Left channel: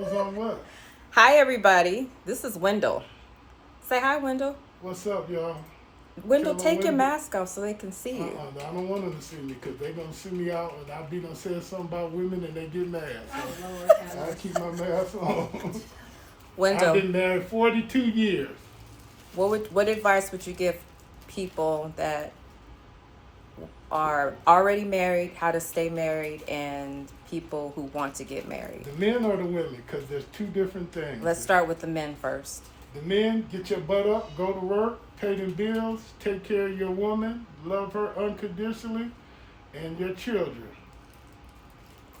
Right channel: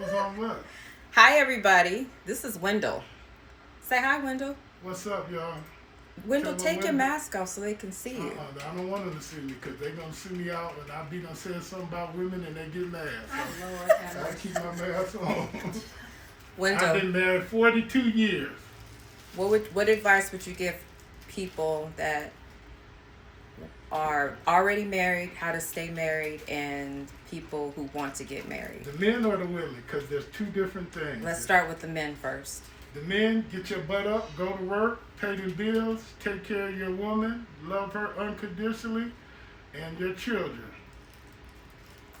On what? Hi, everybody. This is Wendell. Say hi, Wendell. What's up, y'all? Wendell, Tell take your Wendell. mask off so they can see you. I don't want them to see me because they're going to see me out and I be done saying something about women and they get mad. So I keep my mask on. I've Wendell, been married 42 years. what advice would you give people that are already married, how to stay married, and people who want to get married? The men or the women? Because there's two different things. Let's start with the men first. The men, get your butt up, go to work, pay the bills, take care of your woman, love her unconditionally, and your children.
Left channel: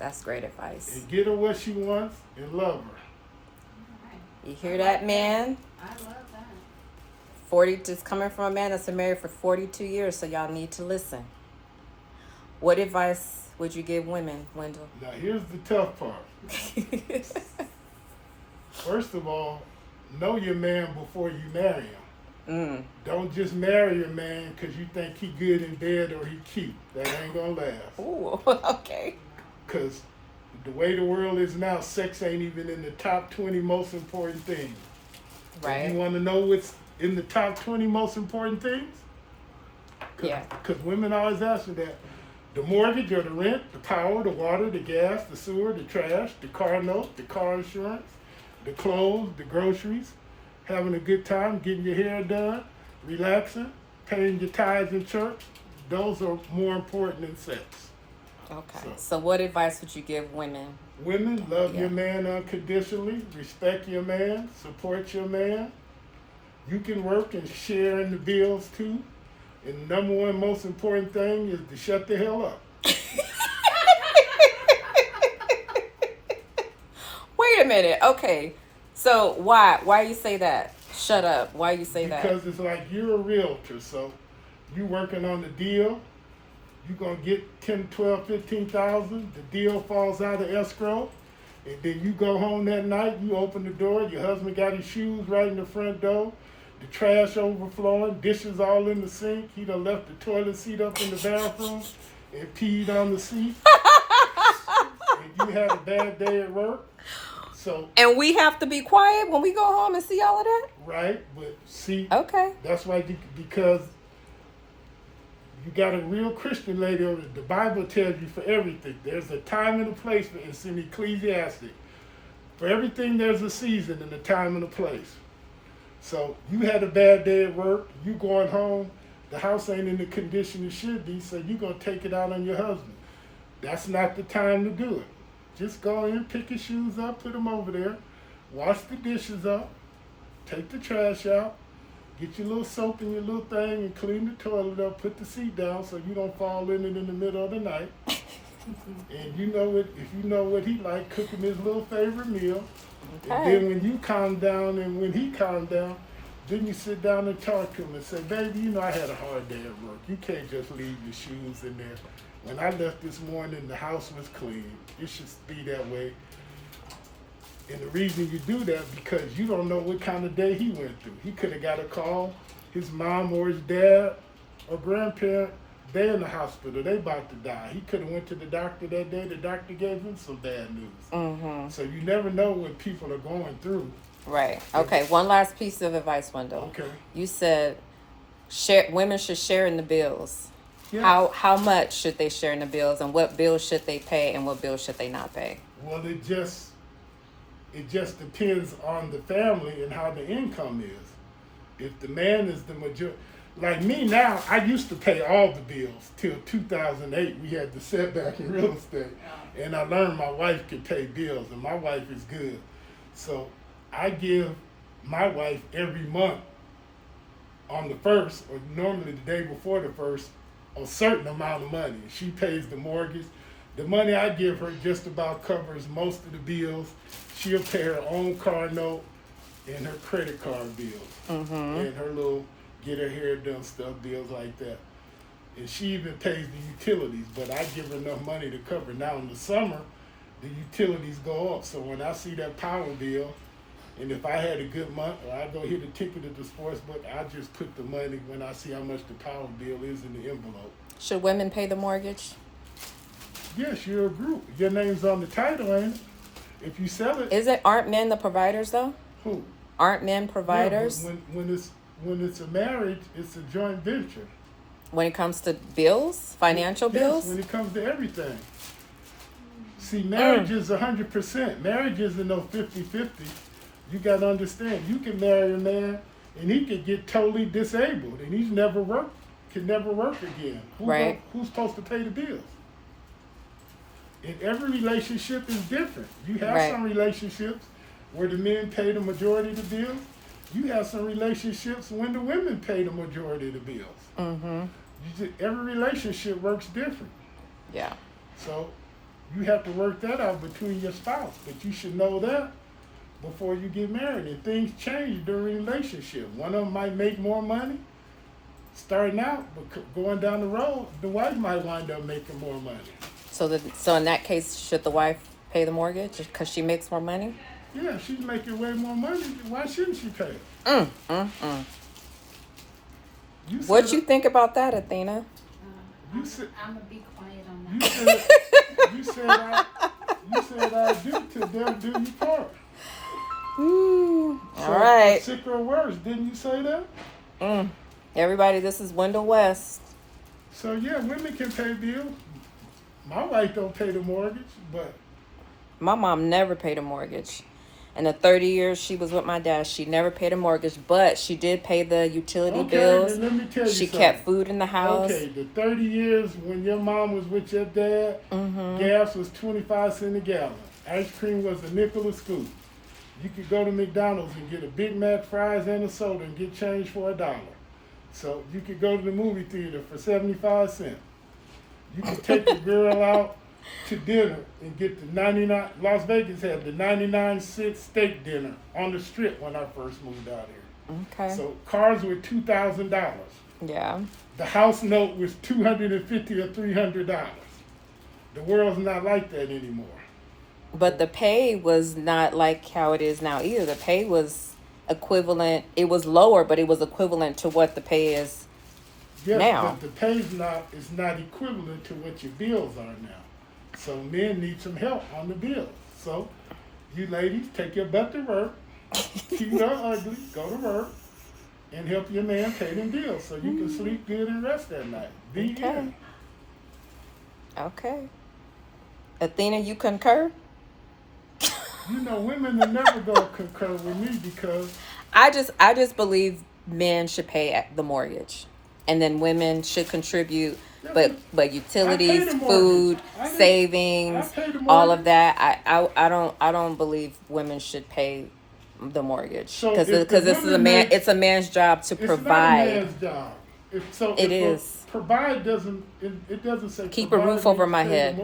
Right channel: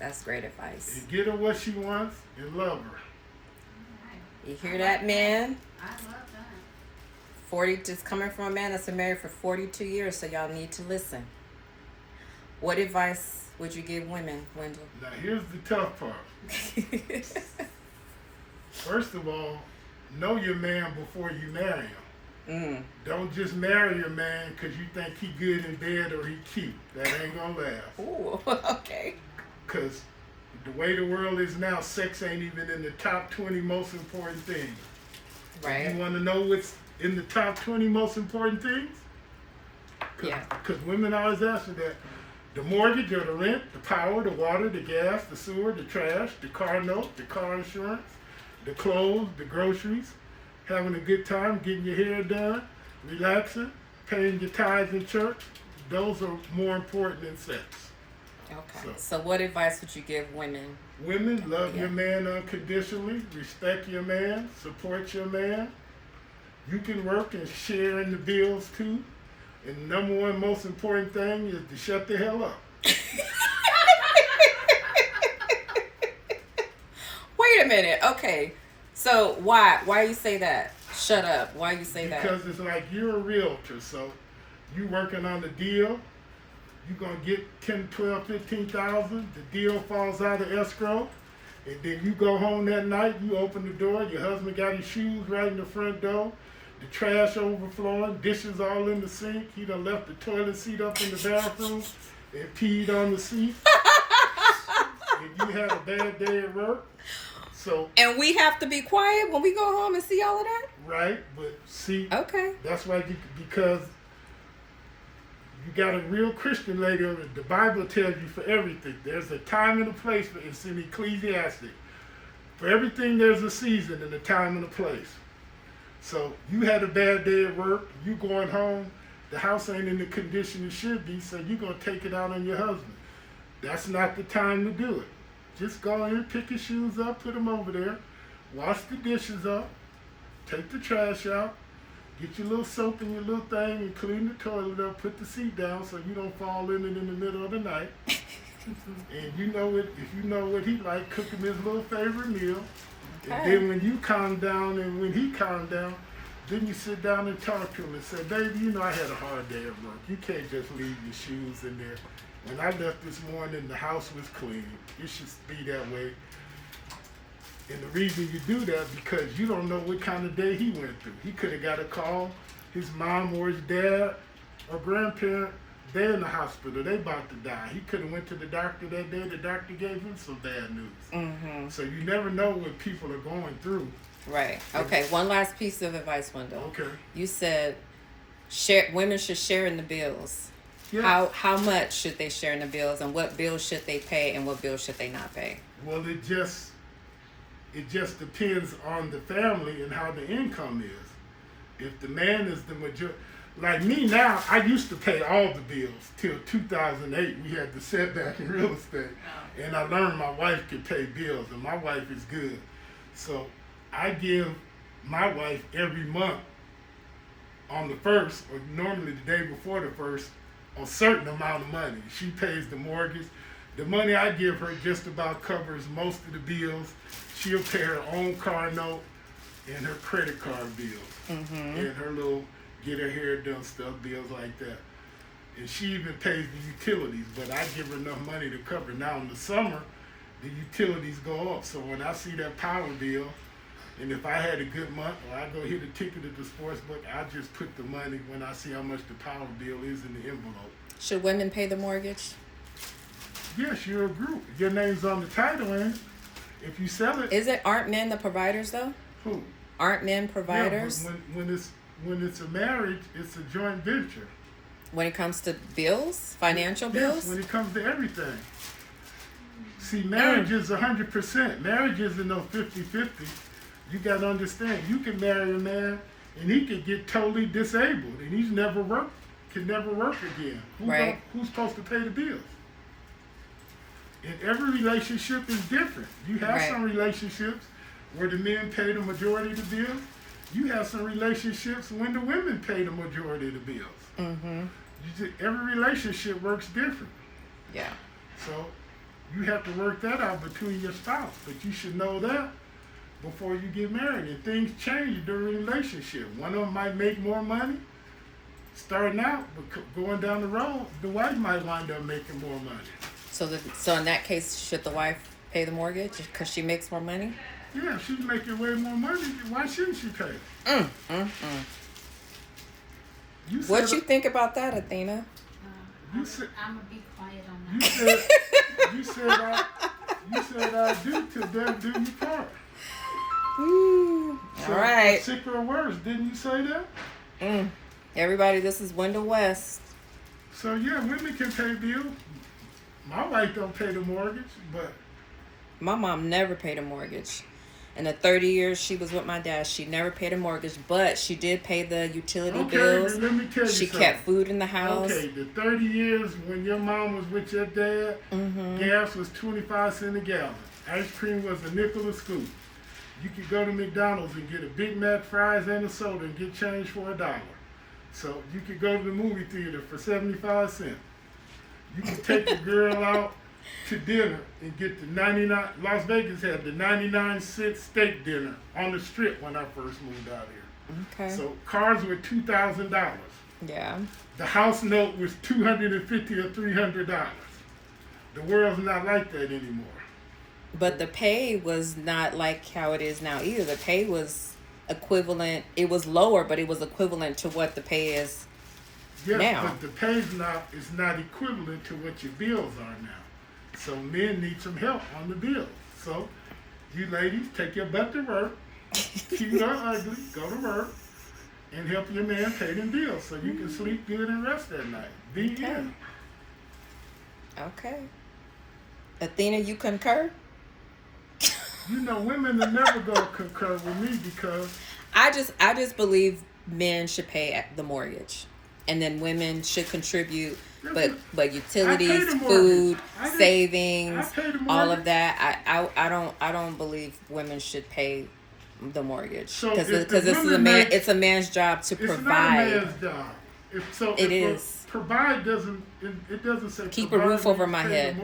That's great advice. And get her what she wants and love her. You hear that, man? I love that. 40, just coming from a man that's been married for 42 years, so y'all need to listen. What advice would you give women, Wendell? Now here's the tough part. First of all, know your man before you marry him. Don't just marry your man because you think he good in bed or he cute. That ain't gonna last. Ooh, okay. Because the way the world is now, sex ain't even in the top 20 most important things. Right. You want to know what's in the top 20 most important things? Yeah. Because women always ask me that. The mortgage or the rent, the power, the water, the gas, the sewer, the trash, the car note, the car insurance, the clothes, the groceries, having a good time, getting your hair done, relaxing, paying your tithes in church. Those are more important than sex. Okay. So what advice would you give women? Women, love your man unconditionally, respect your man, support your man. You can work and share in the bills too. And the number one most important thing is to shut the hell up. Wait a minute. Okay. So why you say that? Shut up. Why you say that? Because it's like you're a realtor, so you working on the deal. You're going to get 10, 12, 15,000. The deal falls out of escrow. And then you go home that night, you open the door, your husband got his shoes right in the front door, the trash overflowing, dishes all in the sink. He done left the toilet seat up in the bathroom and peed on the seat. And you had a bad day at work. So, and we have to be quiet when we go home and see all of that? right, but see, Okay. that's why, because you got a real Christian lady, the Bible tells you for everything. There's a time and a place, it's in Ecclesiastic. For everything there's a season and a time and a place. So you had a bad day at work, you going home, the house ain't in the condition it should be, so you're going to take it out on your husband. That's not the time to do it. Just go in, pick your shoes up, put them over there, wash the dishes up, take the trash out, get your little soap in your little thing and clean the toilet up, put the seat down so you don't fall in it in the middle of the night. And you know what, if you know what he like, cook him his little favorite meal. Okay. And then when you calm down and when he calm down, then you sit down and talk to him and say, baby, you know I had a hard day at work. You can't just leave your shoes in there. When I left this morning, the house was clean. It should be that way. And the reason you do that, because you don't know what kind of day he went through. He could have got a call, his mom or his dad or grandparent, they're in the hospital, they about to die. He could have went to the doctor that day, the doctor gave him some bad news. Mm-hmm. So you never know what people are going through. Right. Okay. One last piece of advice, Wendell. Okay. You said women should share in the bills. Yeah. How much should they share in the bills, and what bills should they pay, and what bills should they not pay? Well, it just depends on the family and how the income is. If the man is the majority, like me now, I used to pay all the bills till 2008. We had the setback in real estate, and I learned my wife could pay bills, and my wife is good. So I give my wife every month on the first, or normally the day before the first, a certain amount of money. She pays the mortgage. The money I give her just about covers most of the bills. She'll pay her own car note and her credit card bills. Mm-hmm. And her little get her hair done stuff, bills like that. And she even pays the utilities, but I give her enough money to cover. Now in the summer, the utilities go up. So when I see that power bill, and if I had a good month, or I go hit a ticket at the sports book, I just put the money when I see how much the power bill is in the envelope. Should women pay the mortgage? Yes, you're a group. Your name's on the title, ain't it? If you sell it, Aren't men the providers though? who? Aren't men providers? Yeah, when it's a marriage, it's a joint venture. When it comes to bills, financial bills? Yes, when it comes to everything. See, marriage is 100%. Marriage isn't no 50-50. You got to understand, you can marry a man and he could get totally disabled and can never work again. Who's supposed to pay the bills? And every relationship is different. You have some relationships where the men pay the majority of the bills. You have some relationships when the women pay the majority of the bills. Mm-hmm. Every relationship works different. Yeah. So you have to work that out between your spouse. But you should know that before you get married. And things change during a relationship. One of them might make more money starting out, but going down the road, the wife might wind up making more money. So in that case, should the wife pay the mortgage because she makes more money? Yeah, she's making way more money. Why shouldn't she pay? What you think about that, Athena? I'm gonna be quiet on that. You said I do to them, do you part. All right. Sick or worse, didn't you say that? Everybody, this is Wendell West. So yeah, women can pay bills. My wife don't pay the mortgage, but my mom never paid a mortgage. In the 30 years she was with my dad, she never paid a mortgage, but she did pay the utility bills. Let me tell you she something. kept food in the house. Okay, the 30 years when your mom was with your dad, gas was 25 cents a gallon. Ice cream was a nickel a scoop. You could go to McDonald's and get a Big Mac, fries, and a soda and get change for $1. So you could go to the movie theater for 75 cents. You could take the girl out to dinner and get the 99. Las Vegas had the 99-cent steak dinner on the Strip when I first moved out here. Okay. So cars were $2,000. Yeah. The house note was $250 or $300. The world's not like that anymore. But the pay was not like how it is now either. The pay was equivalent. It was lower, but it was equivalent to what the pay is now. But the pay is not equivalent to what your bills are now. So men need some help on the bills. So you ladies, take your butt to work, keep her ugly, go to work, and help your man pay them bills so you can sleep good and rest at night. Be in. Okay. Athena, you concur? You know, women are never gonna concur with me because I just believe men should pay the mortgage, and then women should contribute. But utilities, food, savings, all of that. I don't believe women should pay the mortgage because it's a man's job to provide. It's not a man's job. It is. Provide doesn't. It doesn't say keep a roof over my head.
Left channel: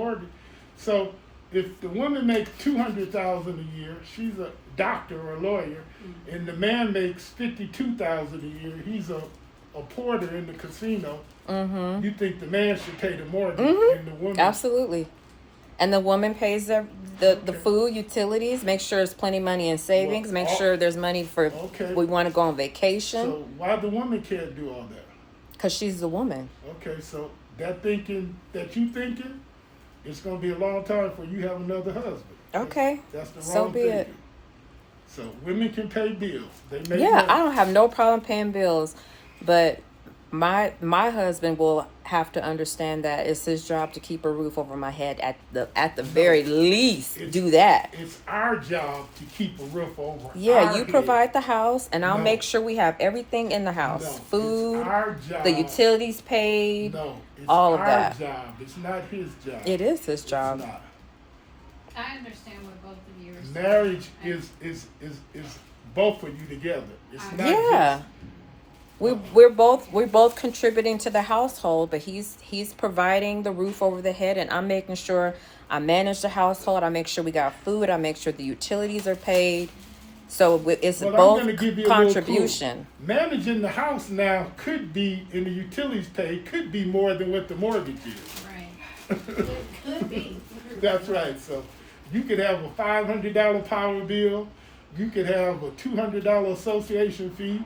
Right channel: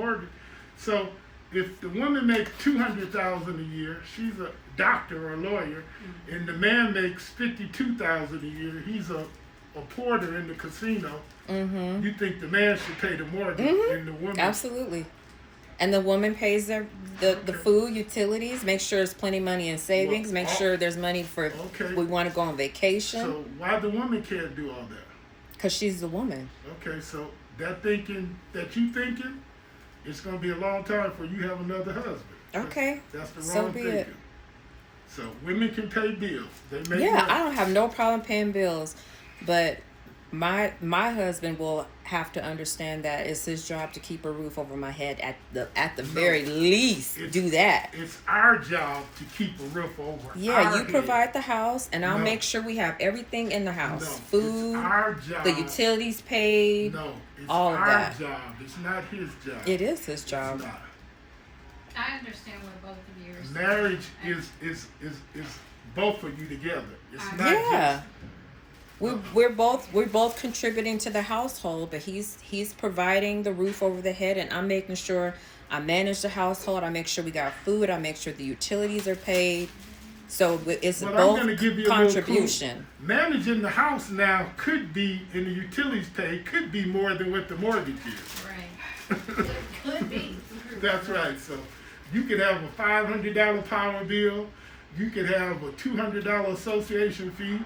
So if the woman makes $200,000 a year, she's a doctor or a lawyer, and the man makes $52,000 a year, he's a porter in the casino. You think the man should pay the mortgage and the woman? Absolutely. And the woman pays the food, utilities, make sure there's plenty of money in savings, make sure there's money for we want to go on vacation. So why the woman can't do all that? Because she's the woman. Okay, so that you thinking, it's going to be a long time before you have another husband. Okay. That's the wrong thinking. So women can pay bills. They make money. I don't have no problem paying bills, but my husband will have to understand that it's his job to keep a roof over my head at the very least. Do that. It's our job to keep a roof over. Yeah, you provide the house, and I'll make sure we have everything in the house. Food, it's our job. The utilities paid. No, it's all of our that. job. It's not his job. It is his job. It's not. I understand what both of you are saying. Marriage is both of you together. It's not yeah. We're both contributing to the household, but he's providing the roof over the head, and I'm making sure I manage the household. I make sure we got food. I make sure the utilities are paid. So it's both I'm gonna give you contribution. A managing the house now could be, in the utilities paid, could be more than what the mortgage is. Right. Could be. That's right. So you could have a $500 power bill. You could have a $200 association fee.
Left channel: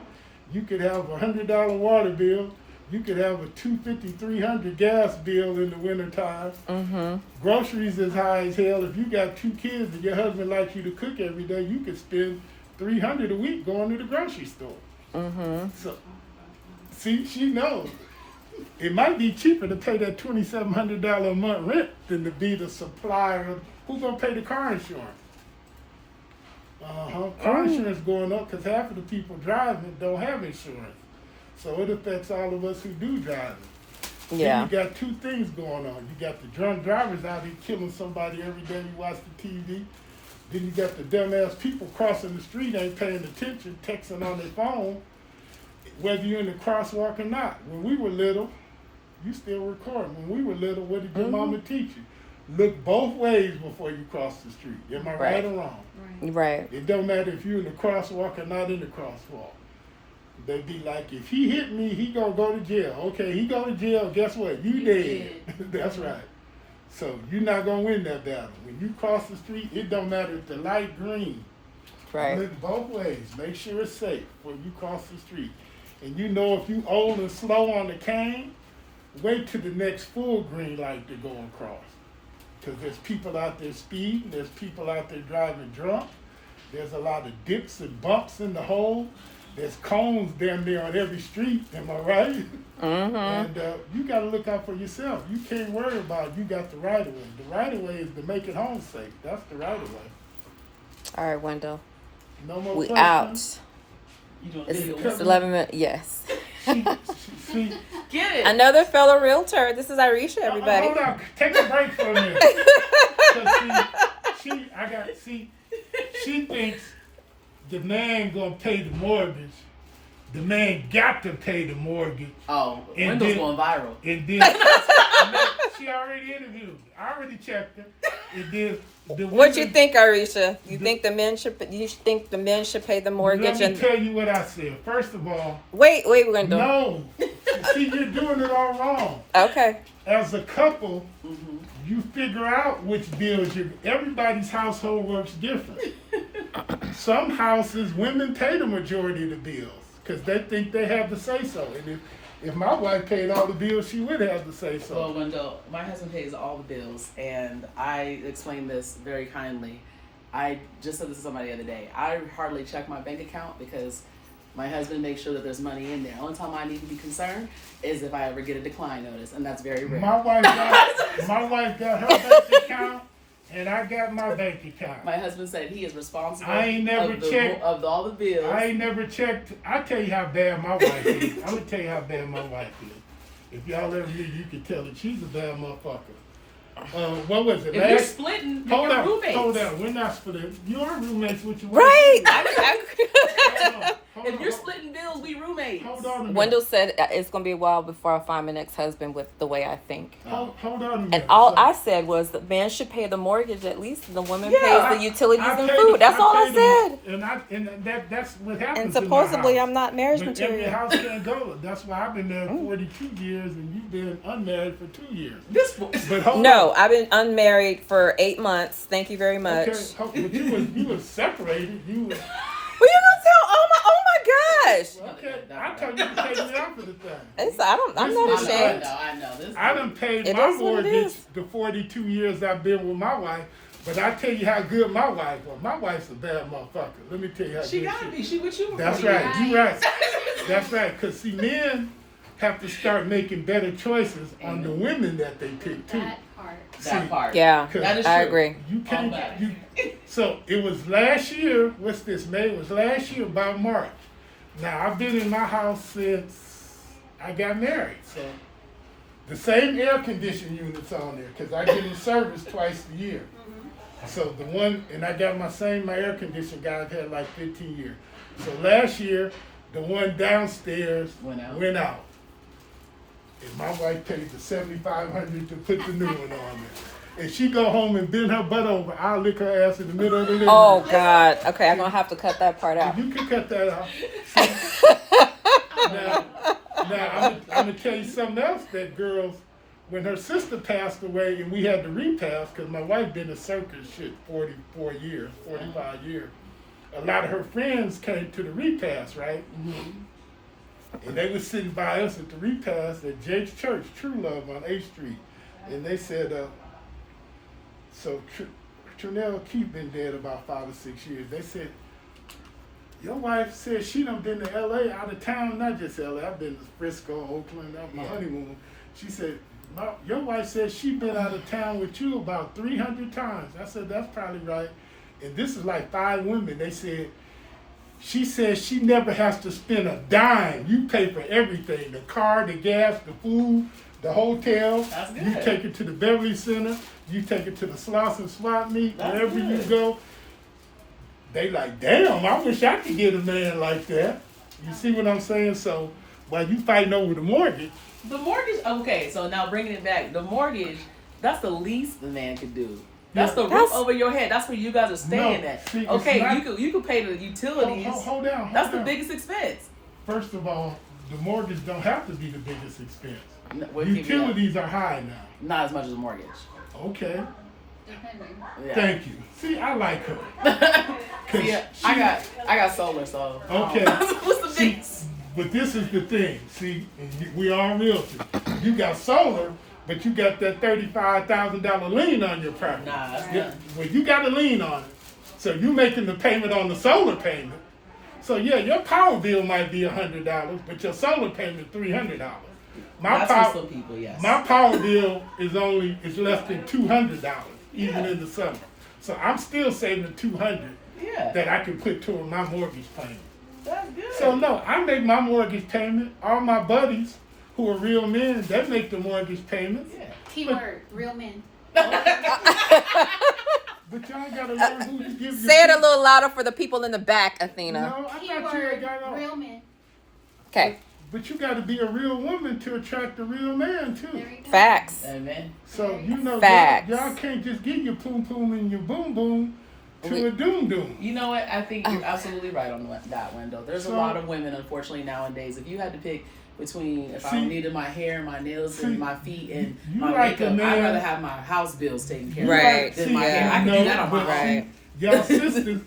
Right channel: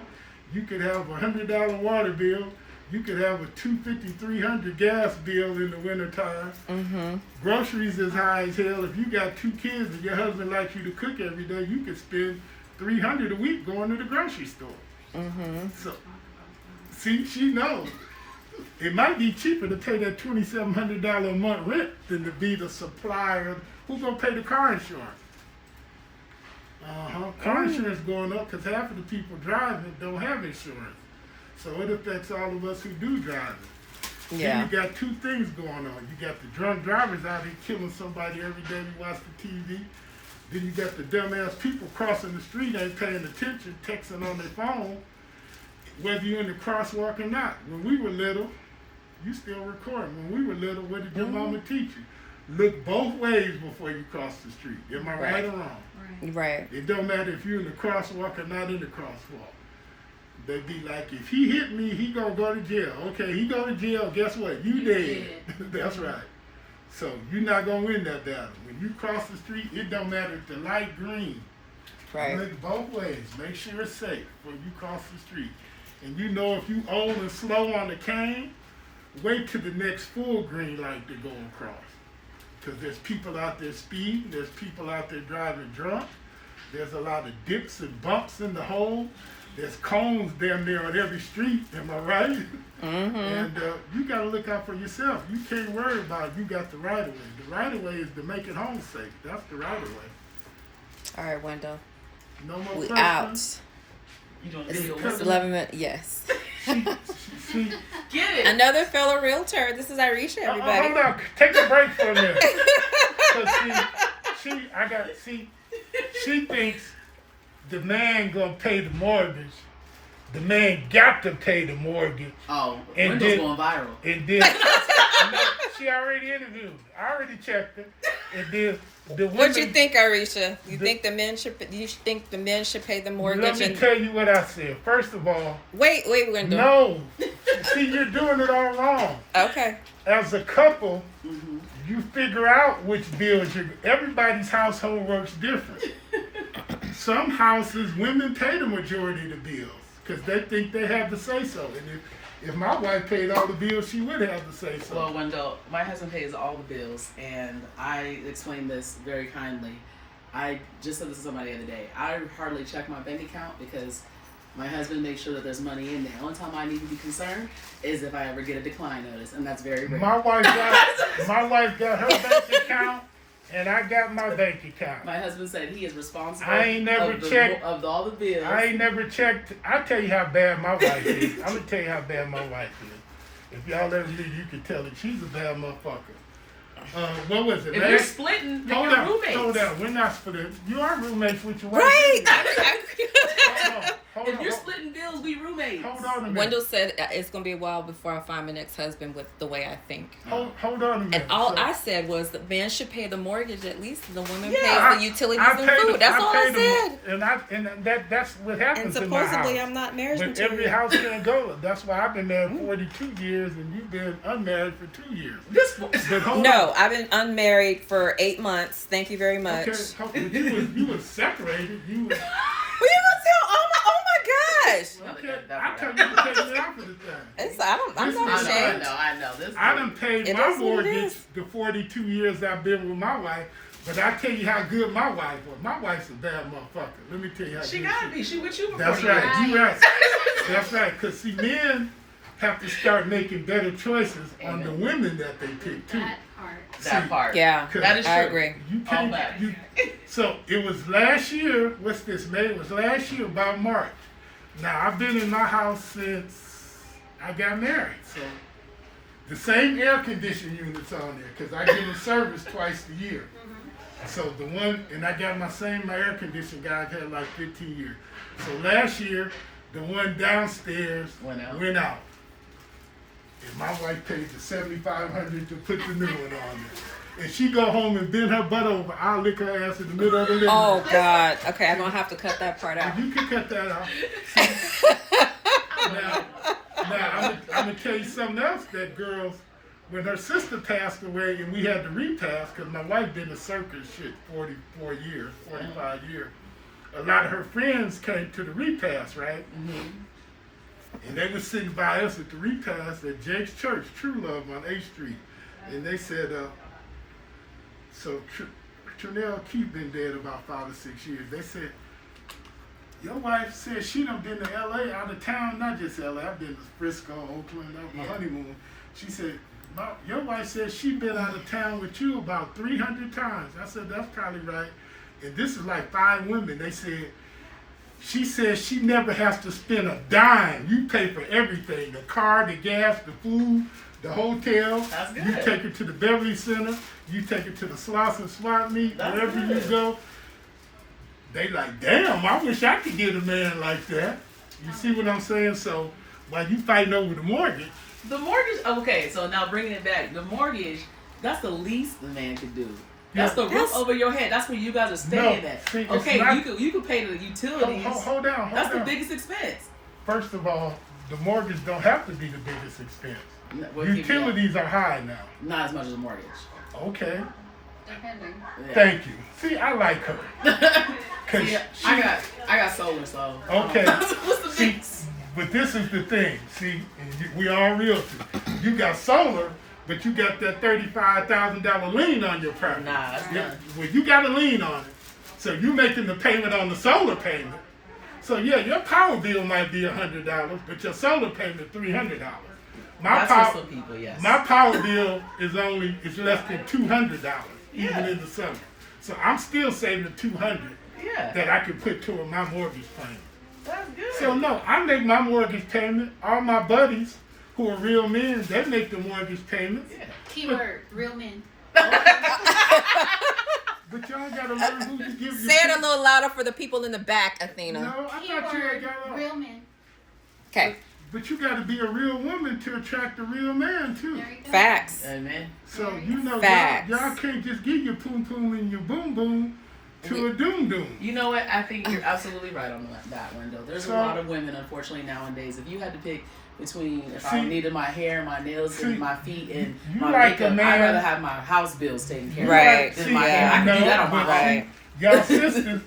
You could have a $100 water bill. You could have a $250, $300 gas bill in the wintertime. Mm-hmm. Groceries is high as hell. If you got 2 kids and your husband likes you to cook every day, you could spend $300 a week going to the grocery store. Mm-hmm. So, see, she knows. It might be cheaper to pay that $2,700 a month rent than to be the supplier. Who's gonna pay the car insurance? Car insurance going up because half of the people driving don't have insurance. So it affects all of us who do drive it. Yeah. Then you got 2 things going on. You got the drunk drivers out here killing somebody every day you watch the TV. Then you got the dumbass people crossing the street, ain't paying attention, texting on their phone, whether you're in the crosswalk or not. When we were little, you still recording. When we were little, what did your mama teach you? Look both ways before you cross the street. Am I right or wrong? Right. It don't matter if you're in the crosswalk or not in the crosswalk. They be like, if he hit me, he gonna go to jail. Okay, he go to jail, guess what? You dead. That's right. So you're not gonna win that battle. When you cross the street, it don't matter if the light green. Right. Look both ways. Make sure it's safe when you cross the street. And you know if you old and slow on the cane, wait till the next full green light to go across. Because there's people out there speeding, there's people out there driving drunk, there's a lot of dips and bumps in the hole, there's cones damn near on every street, am I right? Mm-hmm. And you got to look out for yourself. You can't worry about you got the right of way. The right of way is to make it home safe. That's the right of way. All right, Wendell. No more We questions? out. It's 11 minutes. Yes. She, Get it. Another fellow realtor. This is Irisha, everybody. hold on. Take a break for a minute. 'Cause she thinks the man gonna pay the mortgage. The man got to pay the mortgage. Oh, And Wendell's then- going viral. And then she already interviewed me. I already checked it. And then the What you women- think, Irisha? You think the men should? You think the men should pay the mortgage? Let me tell you what I said. First of all, Wait, Wendell. no. See, you're doing it all wrong. Okay. As a couple, Mm-hmm. you figure out which bills everybody's household works different. Some houses, women pay the majority of the bills because they think they have to say so. And if my wife paid all the bills, she would have to say so. Well, Wendell, my husband pays all the bills, and I explained this very kindly. I just said this to somebody the other day. I hardly check my bank account because my husband makes sure that there's money in there. The only time I need to be concerned is if I ever get a decline notice, and that's very rare. My wife got her bank account, and I got my bank account. My husband said he is responsible I ain't never checked. of all the bills. I ain't never checked. I'll tell you how bad my wife is. I'm gonna tell you how bad my wife is. If y'all ever knew, you could tell that she's a bad motherfucker. What was it? If you're splitting, Hold you're on, roommates. hold on. We're not splitting. You are roommates with your wife. Right. Hold If on. you're splitting bills, we roommates. Hold on a minute. Wendell said it's gonna be a while before I find my next husband with the way I think. Hold on a minute. And all So, I said was the man should pay the mortgage at least, and the woman Yeah, pays the utilities I and paid food. the- That's all I paid said. the- And that's what happens. And supposedly in my I'm not marriage But every material. house can go. That's why I've been there 42 years and you've been unmarried for 2 years. This But hold No, on. I've been unmarried for 8 months. Thank you very much. Okay, but you was separated. You was, Well, you gonna tell? Oh my gosh! okay. I tell you to take me out for the thing. I'm not I ashamed. know. This I done paid It my is what it mortgage is. the 42 years I've been with my wife. But I tell you how good my wife was. My wife's a bad motherfucker. Let me tell you how She good gotta be. She with you. That's before you. right. You right. That's right. Because see, men have to start making better choices on the women that they pick too. That part. That part. Yeah, That is I true. agree. You All can't. that. So it was last year. What's this, May? It was last year about March. Now I've been in my house since I got married. So the same air conditioning units on there because I get it serviced twice a year. So the one, and I got my air conditioning guy I've had like 15 years. So last year, the one downstairs Went out. And my wife paid the $7,500 to put the new one on there. And she go home and bend her butt over. I'll lick her ass in the middle of the living Oh room. God. Okay, I'm gonna have to cut that part out. You can cut that out. Now I'm gonna tell you something else. That girl, when her sister passed away and we had to repass, because my wife been in circus shit 44 years, 45 years. A lot of her friends came to the repass, right? Mm-hmm. And they was sitting by us at the repast at Jake's Church, True Love on 8th Street. And they said, so Trinell Keith been dead about 5 or 6 years. They said, your wife said she done been to L.A., out of town, not just L.A. I've been to Frisco, Oakland, that was my honeymoon. She said, your wife said she been out of town with you about 300 times. I said, that's probably right. And this is like 5 women. They said, she says she never has to spend a dime. You pay for everything, the car, the gas, the food, the hotel. That's good. You take it to the Beverly Center. You take it to the Sloss and Swap Meet, That's wherever good. you go. They like, damn, I wish I could get a man like that. You see what I'm saying? So while you fighting over the mortgage. The mortgage, okay, so now bringing it back, the mortgage, that's the least the man could do. That's the roof over your head. That's where you got to stay in that. See, it's Okay, not- you could pay the utilities. Hold down. That's the biggest expense. First of all, the mortgage don't have to be the biggest expense. What do you mean? Utilities are high now. Not as much as a mortgage. Okay, Depending. Yeah. thank you. See, I like her. Yeah, I got solar, so. Okay. What's the See, big? but this is the thing. See, and we are realtors. You got solar, but you got that $35,000 lien on your property. Nah, that's Yeah, not. well, you got a lien on it, so you making the payment on the solar payment. So yeah, your power bill might be $100, but your solar payment $300. That's for people, yes. My power bill is less than $200, even in the summer. So I'm still saving $200 Yeah, that I can put toward my mortgage payment. that's good. So no, I make my mortgage payment. All my buddies who are real men, they make the mortgage payment. Yeah. Keyword, real men. But y'all gotta learn who to give your Say it a little louder for the people in the back, Athena. No, I thought you had Keyword, got off. real men. Okay. But you gotta be a real woman to attract a real man too. There you go. Facts. Amen. So you know Facts. y'all can't just give your poom poom and your boom boom to a doom doom. You know what? I think you're absolutely right on that, Wendell. There's a So- lot of women, unfortunately, nowadays. If you had to pick between if I See- needed my hair, my nails, see, and my feet, and you my like a makeup, man- I'd rather have my house bills taken care of Right. than See, my hair. I can do no, that on my but own. Right. Y'all sisters,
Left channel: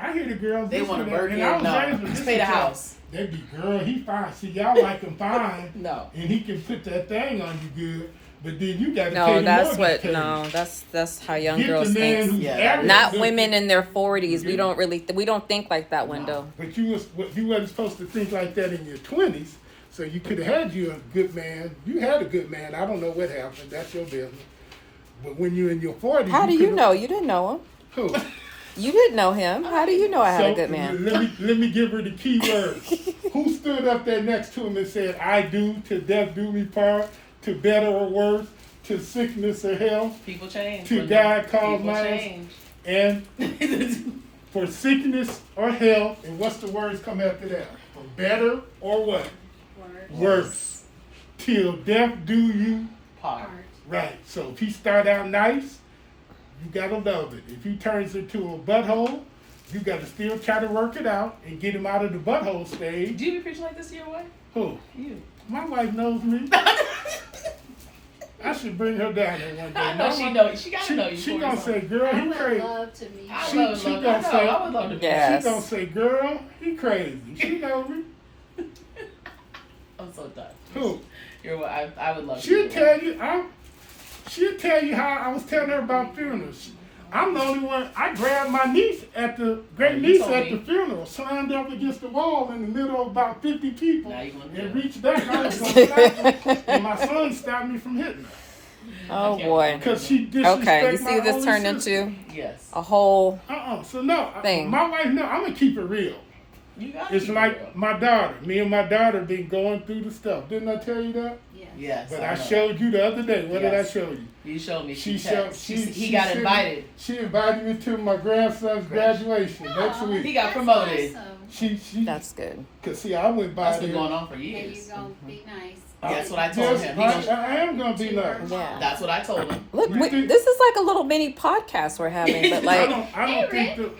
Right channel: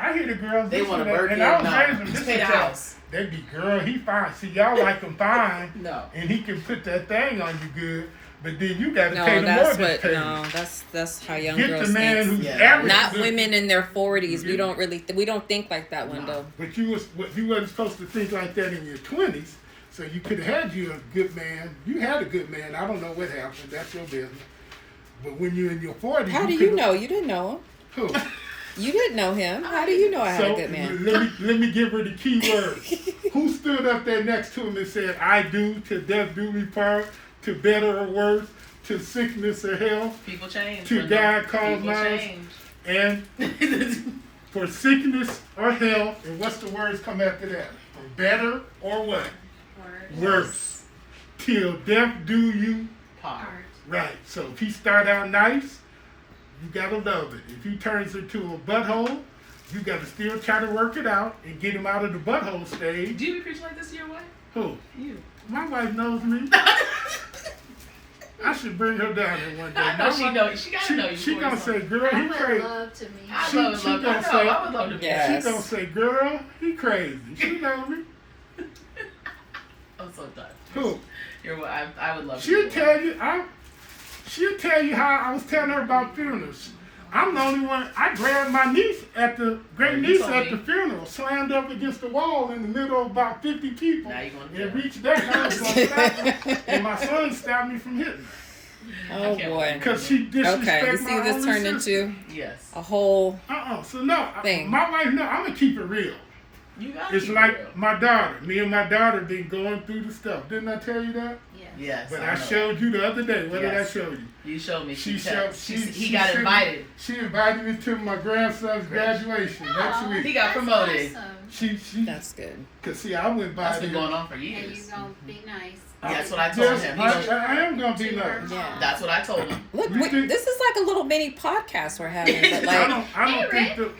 I hear the girls. They this want a and that, birthday. and I was No, raised with just this pay the and that. house. They be, girl, he fine. See, y'all like him fine, No. and he can put that thing on you good. But then you got to pay No, the that's mortgage what. payment. No, that's how young Get girls the man think. who's Yeah. average. Not good. women in their 40s. Yeah. We don't think like that, Wendell. But you wasn't supposed to think like that in your 20s. So you could have had you a good man. You had a good man. I don't know what happened. That's your business. But when you're in your 40s, How do you could've- know? You didn't know him. Who? You didn't know him. How do you know I had a good man? Let me give her the key words. Who stood up there next to him and said, "I do, to death do we part, to better or worse, to sickness or health, People change. To Wendell. God cause People mine. change. and for sickness or health," and what's the words come after that? For better or what? Word. Worse. Till death do you Part. Part. right. So if he start out nice, you gotta love it. If he turns into a butthole, you gotta still try to work it out and get him out of the butthole stage. Do you be preaching like this to your wife? Who? You. My wife knows me. I should bring her down there one day. I know My she wife- know. She gotta know you. She for gonna yourself. say, "Girl, I he would crazy." love to meet I She- you. love she I know. gonna say- I would love to be. Yeah. She gonna say, "Girl, he crazy." She know me. I'm so done. Who? You're what I would love to. She'll be. tell you. She'll tell you how I was telling her about funerals. I'm the only one. I grabbed my niece at the great niece told at me. the funeral, slammed up against the wall in the middle of about 50 people, Now you gonna do and it. reached back. I was gonna stop her, and my son stopped me from hitting her Oh boy. because she disrespected Okay, you see my this only turned sister. into Yes. a whole So no, Thing. my wife know I'm gonna keep it real. You got It's like my daughter. Me and my daughter been going through the stuff. Didn't I tell you that? Yes. Yes. But I I know. showed you the other day. What did I Yes. show you? You showed me. She He got sent me- invited. She invited me to my grandson's graduation next Aw, week. He got promoted. Awesome. She that's good. cause see, I went by That's been there. going on for And years. you're gonna be nice. That's what I told Yes, him. He I, goes, I am gonna be nice. Yeah. That's what I told him. Look, You see- this is like a little mini podcast we're having. But I like, don't think that.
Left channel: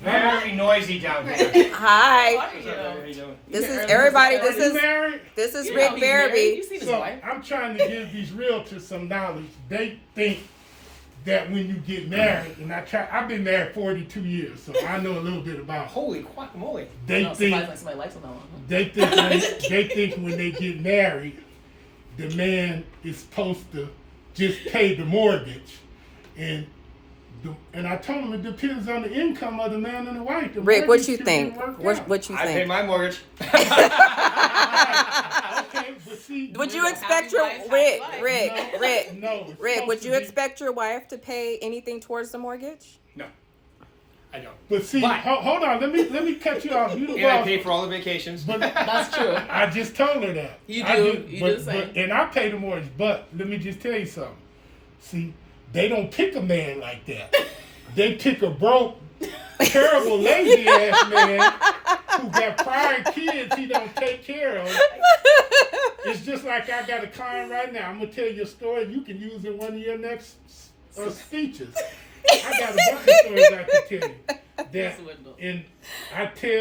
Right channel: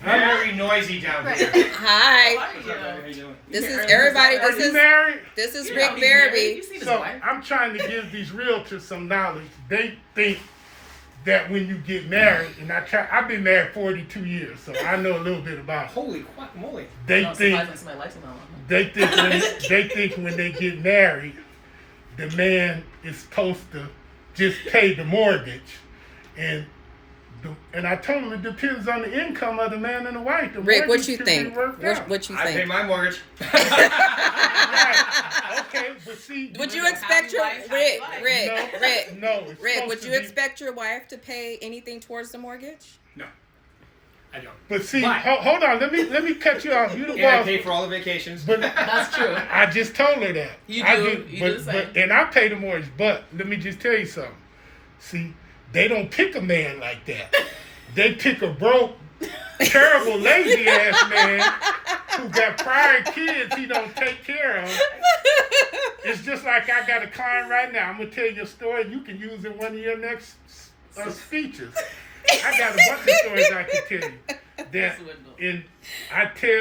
Very noisy down there. hi, What's up, man? How you doing? this is everybody. Are This you is married? this is You know Rick he's married. Barabee. You've seen his So wife. I'm trying to give these realtors some knowledge. They think that when you get married, and I've been married 42 years, so I know a little bit about it. Holy guacamole. They No, think somebody likes it that long. they think when they get married, the man is supposed to just pay the mortgage, and I told him it depends on the income of the man and the wife. The Rick, what mortgage you should be think? worked What out. you I pay think? my mortgage. Okay, but see, Would you Happy expect your wife, happy life. Rick? no, it's Rick, would supposed you to be- expect your wife to pay anything towards the mortgage? No, I don't. But see, But- hold on, let me cut you off. You the And I boss. pay for all the vacations. But That's true. I just told her that. You I do. just- You but, do the same. and I pay the mortgage. But let me just tell you something. See, they don't pick a man like that. They pick a broke, terrible, lazy ass man who got prior kids he don't take care of. It's just like I got a client right now. I'm gonna tell you a story. You can use it in one of your next speeches. I got a bunch of stories I can tell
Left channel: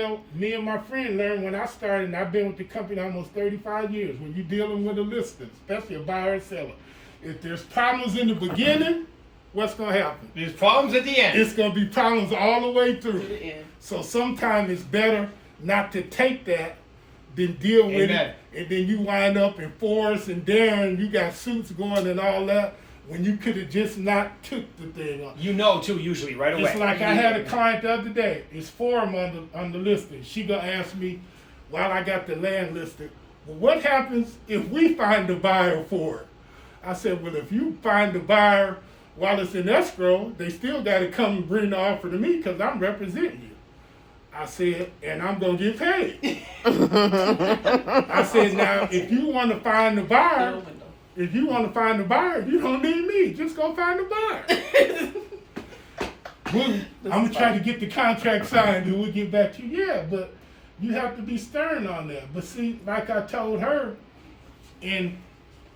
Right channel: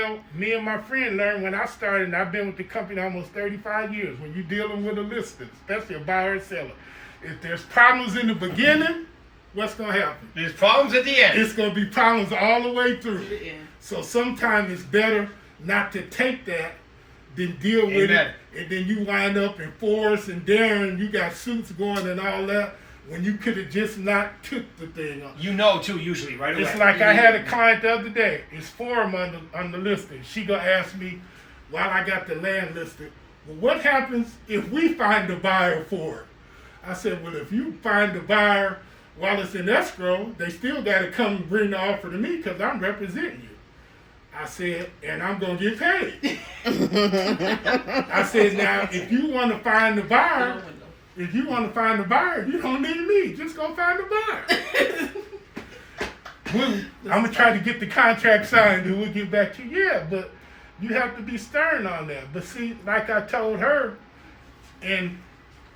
you. Me and my friend learned when I started, and I've been with the company almost 35 years, when you're dealing with a listing, especially a buyer or seller, if there's problems in the beginning, what's going to happen? There's problems at the end. It's going to be problems all the way To the through. end. So sometimes it's better not to take that than deal with Amen. it, and then you wind up in Forrest and Darren, you got suits going and all that, when you could have just not took the thing on. You know, too, usually, right away. It's like I had a client the other day. It's forum on the listing. She gonna ask me while I got the land listed, well, what happens if we find the buyer for it? I said, well, if you find the buyer while it's in escrow, they still got to come and bring the offer to me because I'm representing you. I said, and I'm gonna get paid. I said, now if you want to find the buyer. If you want to find a buyer, you don't need me. Just go find a buyer. I'm going to try to get the contract signed and we'll get back to you. Yeah, but you have to be stern on that. But see, like I told her, and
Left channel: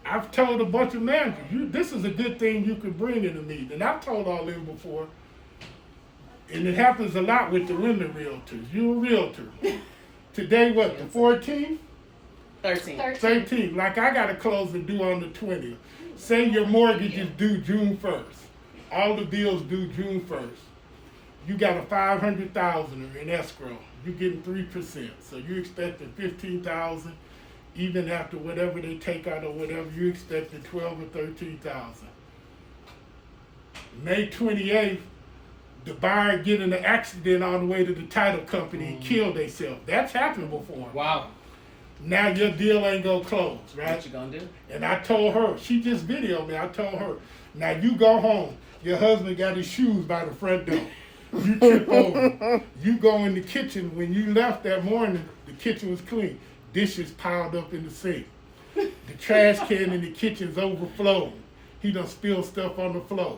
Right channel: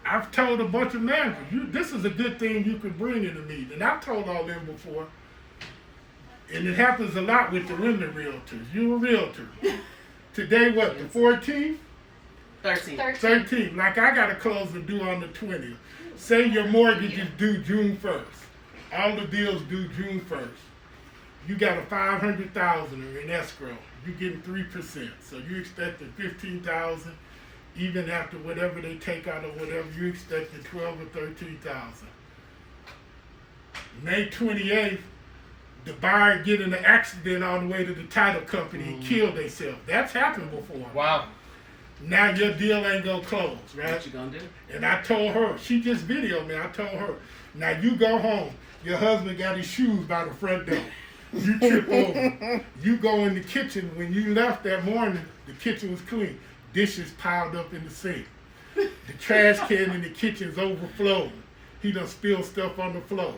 I've told a bunch of managers, this is a good thing you could bring in the meeting. And I've told all them before, and it happens a lot with the women realtors. You're a realtor. Today, what, the 14th? 13. 13. Like I got to close the due on the 20th. Say your mortgage is due June 1st. All the bills due June 1st. You got a $500,000 in escrow. You getting 3%. So you expected $15,000. Even after whatever they take out or whatever, you expected $12,000 or $13,000. May 28th, the buyer get in an accident on the way to the title company and kill themselves. That's happened before. Wow. Now your deal ain't gonna close, right? What you gonna do? And I told her, she just videoed me, I told her, now you go home, your husband got his shoes by the front door. You trip over. You go in the kitchen, when you left that morning, the kitchen was clean. Dishes piled up in the sink. The trash can in the kitchen's overflowed. He done spilled stuff on the floor.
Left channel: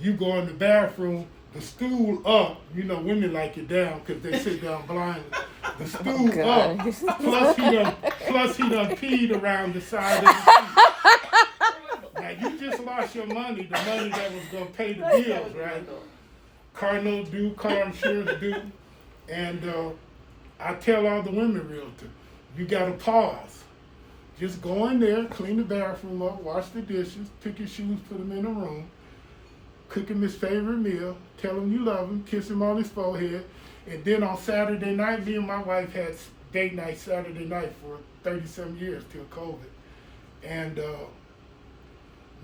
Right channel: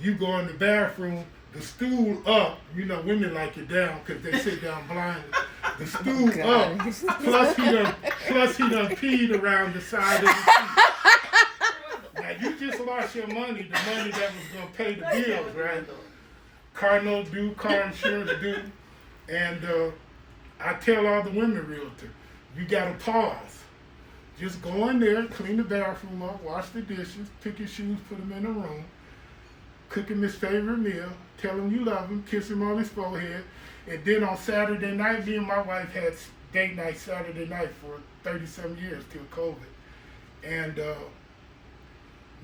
You go in the bathroom, the stool up, you know women like it down because they sit down blind. The stool up, plus he done peed around the side of the seat. Now you just lost your money, the money that was gonna pay the bills, right? Car note due, car insurance due, and I tell all the women realtors, you gotta pause. Just go in there, clean the bathroom up, wash the dishes, pick your shoes, put them in the room, cook him his favorite meal, tell him you love him, kiss him on his forehead, and then on Saturday night, me and my wife had date night Saturday night for 30-some years till COVID. And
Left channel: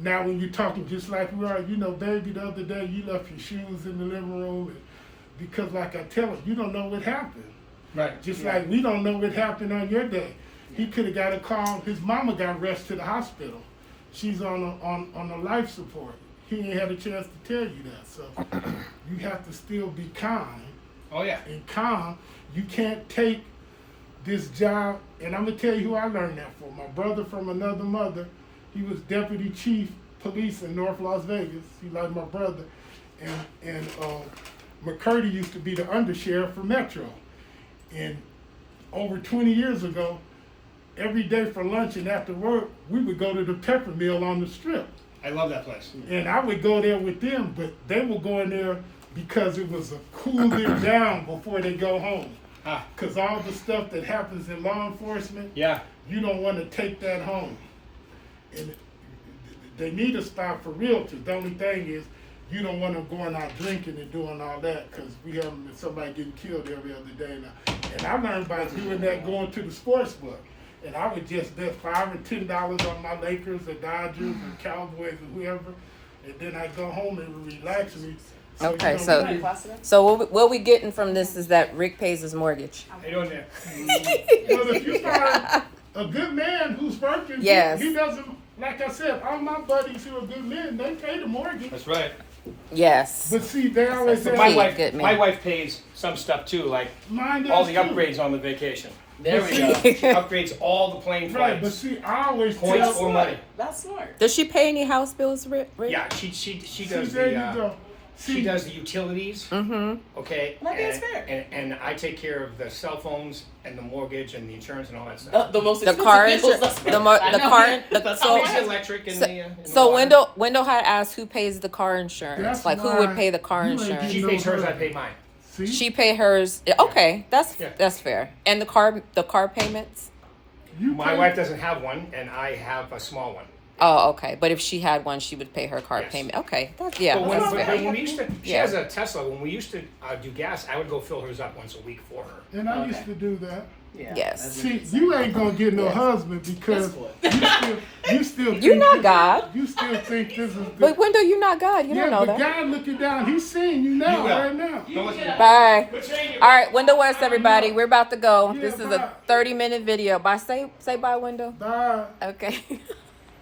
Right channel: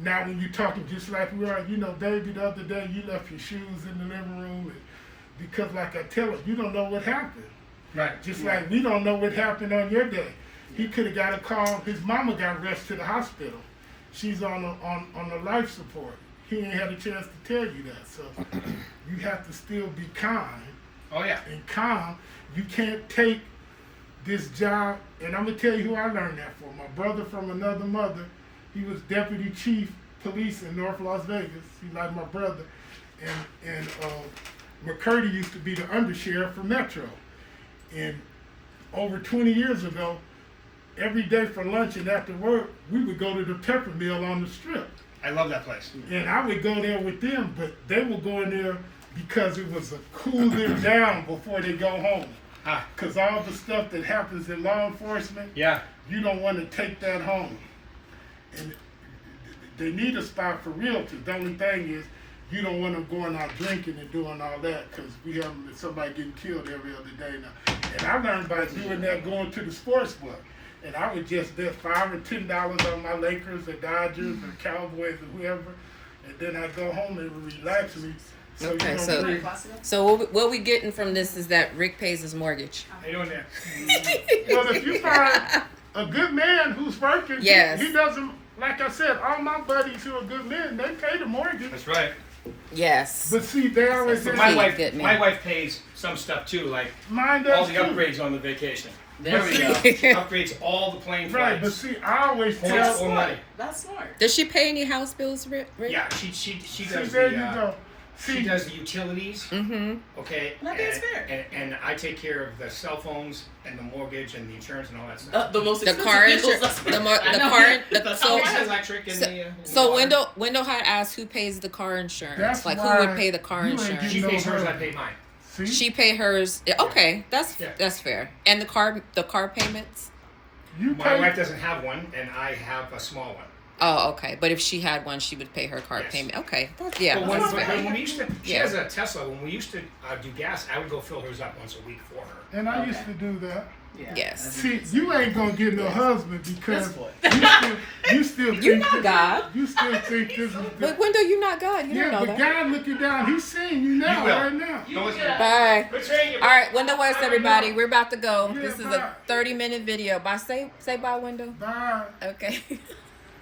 now when you're talking just like we are, you know, baby, the other day you left your shoes in the living room, and because like I tell him, you don't know what happened. Right. Just like we don't know what happened on your day. He could have got a call, his mama got rushed to the hospital. She's on a life support. He ain't had a chance to tell you that. So you have to still be kind. Oh, yeah. And calm. You can't take this job, and I'm gonna tell you who I learned that from. My brother from another mother, he was deputy chief police in North Las Vegas. He's like my brother. And McCurdy used to be the undersheriff for Metro. And over 20 years ago, every day for lunch and after work, we would go to the Pepper Mill on the Strip. I love that place. And I would go there with them, but they were going there because it was a cool them down before they go home. Because all the stuff that happens in law enforcement, Yeah. you don't want to take that home. And they need a spot for realtors. The only thing is, you don't want them going out drinking and doing all that because we have somebody getting killed every other day now. And I learned by doing that going to the sports book. And I would just bet $5 or $10 on my Lakers or Dodgers or Cowboys or whoever. And then I'd go home and relax me. Okay, you know, so really- what we getting from this is that Rick pays his mortgage. How you doing there? Well, if you find a good man who's working, Yes. he doesn't, like I said, all my buddies who are good men, they pay the mortgage. That's right. Yes. But see, they always But say, my Please, wife, good man. my wife pays some stuff too, like mine does all the too. upgrades on the vacation. There we go. Upgrades all the plane Right, but flights. see, I always Points tell, or money. That's smart. Does she pay any house bills, Rick? Yeah, she see, does there the you go. she does the utilities. Mm-hmm. Okay. And I think it's fair. And I take care of the cell phones and the mortgage and the insurance and all that stuff. The most The expensive car, bills. the car, That's so how The electric and the so water. Wendell had asked who pays the car insurance. That's Like who why would pay the car you ain't insurance? She getting pays hers, I pay mine. See? She pay hers. Okay, Yeah. that's fair. And the car payments. You My pay- wife doesn't have one, and I have a small one. Oh, okay. But if she had one, she would pay her car Yes. payment. Okay, that's But that's when fair. we used to, she Yeah. has a Tesla. When we used to do gas, I would go fill hers up once a week for her. And I Okay. used to do that. Yeah, Yes. that's See, interesting. you ain't gonna get no husband because Yes, boy. you still You're think not this- God. You still think this is But good. Wendell, you're not God. You Yeah, don't know but that. God looking down, he's seeing you now, You will. right now. Don't listen to that. Bye. Good seeing you. All right, Wendell West, everybody. We're about to go. Yeah, This is bye. a 30-minute video. Bye. Say bye, Wendell. Bye. Okay.